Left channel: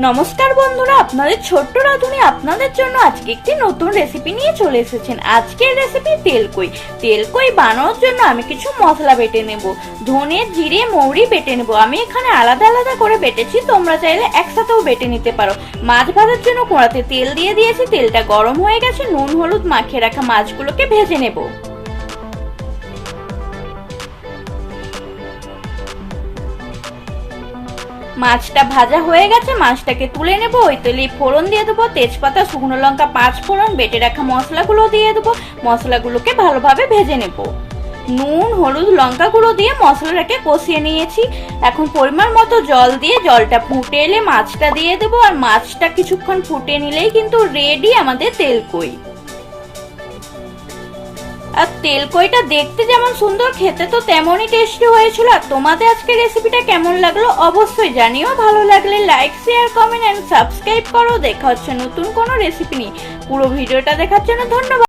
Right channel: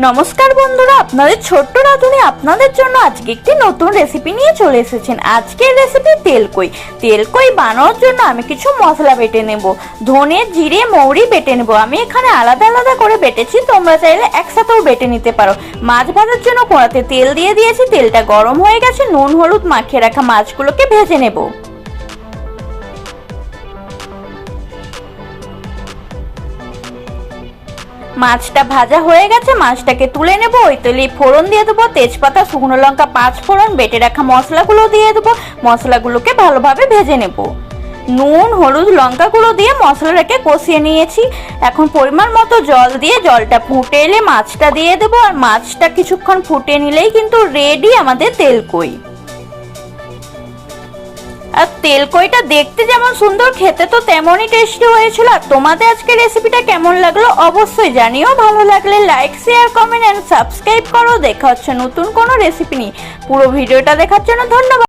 নমস্কার বন্ধুরা, আপনাদের ছোট্ট রাঁধুনি আপনাদের জন্য আজকে একটি নতুন রেসিপি নিয়ে চলে এসেছেন। আজকের রেসিপি তেলকই। তেলকই বানানোর জন্য আমি কিছু মশলা বেটে নেব। ধনে, জিরে, মৌরি বেটে নেব। আমি এখানে আলাদা আলাদা করে বেটেছি, তোমরা চাইলে একসাথেও বেটে নিতে পারো। মাছ ভাজার জন্য কড়াতে তেল দিয়ে দিয়েছি, তেলটা গরম হয়ে গেছে। নুন হলুদ মাখিয়ে রাখা মাছগুলোকে ভেজে নেব। মাছটা ভাজা হয়ে গেছে, মাছটাকে তুলে নেব। ওই তেলে ফোড়ন দিয়ে দেবো, তেজপাতা, শুকনো লঙ্কা, 5 ফোড়ন, বেটে রাখা মশলাগুলো দিয়ে দেবো। মশলাগুলোকে ভালোভাবে ভেজে নেব। নুন, হলুদ, লঙ্কা গুঁড়ো দিয়ে মশলাটাকে কষিয়ে নিয়েছি। এখন পরিমাণ মতো জল দিয়ে জলটা ফুটে এলে মাছটা দিয়ে দেবো। আর মাছটা কিছুক্ষণ ফুটে নিলেই কিন্তু রেডি আমাদের তেলকই। আর তেলকইটা দেখতে যেমন সুন্দর, খেতে তো তেমনই টেস্টি হয়েছিল। আর তোমাদের আজকে রেসিপিটা কেমন লাগলো অবশ্যই জানিও। ভালো লাগলে like, share, comment and subscribe করো। দেখা হচ্ছে নতুন কোনো রেসিপি নিয়ে। পুরো ভিডিওটা দেখার জন্য ধন্যবাদ।